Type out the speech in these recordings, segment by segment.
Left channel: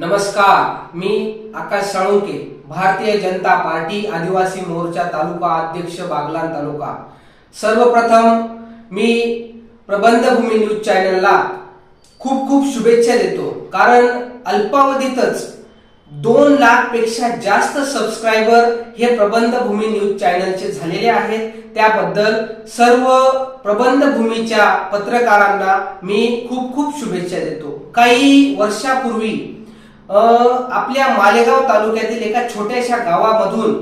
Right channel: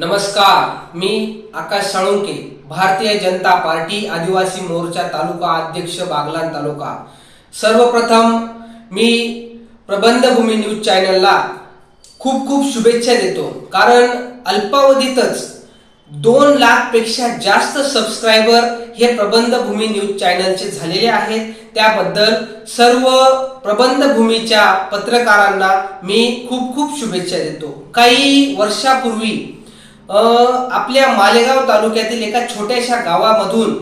नमस्कार मी आकाश साळुंके भारतीय जनता पार्टी आदिवासी मोर्चा तालुका अध्यक्ष बागलान तालुका. सर्वप्रथम मी प्रबंधभूमी न्यूज चॅनलला खूप खूप शुभेच्छा देतो. कारण अल्पावधीतच दोन लाखपेक्षा जास्त सबस्क्रायबर हे प्रबंधभूमी न्यूज चॅनलचे झालेले आहेत. त्याबद्दल सर्व प्रबंधभूमीच्या पत्रकारांना मी खूप खूप शुभेच्छा देतो. काही वर्षापूर्वी आपल्या मालेगाव तालुक्यातील एका छोट्याशा गावामधून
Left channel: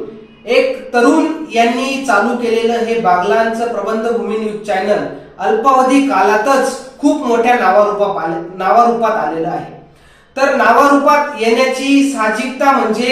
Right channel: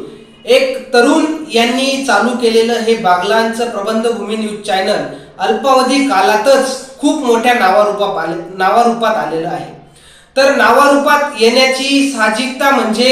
एक तरुण यांनी चालू केलेलं हे बागलांचं प्रबंधभूमी न्यूज चॅनल अल्पावधी काळातच खूप मोठ्या नावारूपात आले नावारूपात आलेलं आहे. तर नावारूपात येण्याची साहजिकता म्हणजे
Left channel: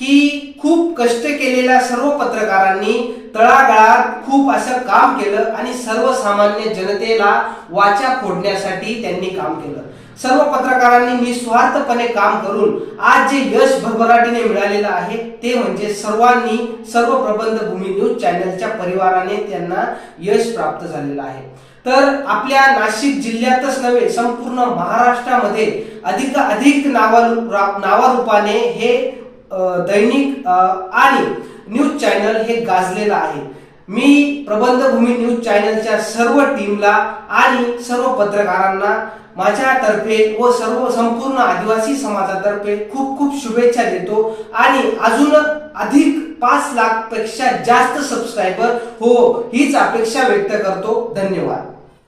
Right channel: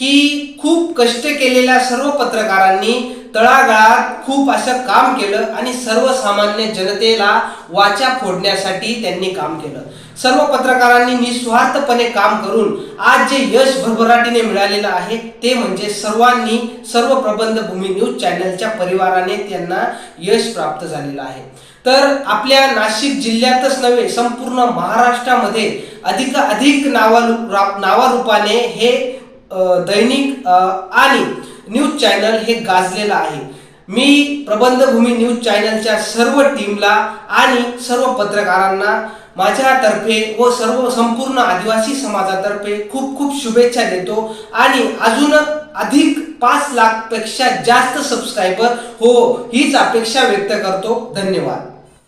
की खूप कष्ट केलेल्या सर्व पत्रकारांनी तळागाळात खूप असं काम केलं आणि सर्वसामान्य जनतेला वाचा फोडण्यासाठी त्यांनी काम केलं. सर्व पत्रकारांनी निस्वार्थपणे काम करून आज जे यश भरभराटीने मिळालेलं आहे ते म्हणजे सर्वांनी सर्व प्रबंधभूमी न्यूज चॅनलच्या परिवाराने त्यांना यश प्राप्त झालेलं आहे. तर आपल्या नाशिक जिल्ह्यातच नव्हे संपूर्ण महाराष्ट्रामध्ये अधिक अधिक नावारू नावारूपाने हे दैनिक आणि न्यूज चॅनल हे गाजलेलं आहे. मी प्रबंधभूमी न्यूज चॅनलच्या सर्व टीमला आणि सर्व पत्रकारांना माझ्यातर्फे व सर्व संपूर्ण आदिवासी समाजातर्फे खूप खूप शुभेच्छा देतो आणि अजून अधिक पाच लाखपेक्षा जास्त सबस्क्रायबर हो हीच अपेक्षा व्यक्त करतो. धन्यवाद.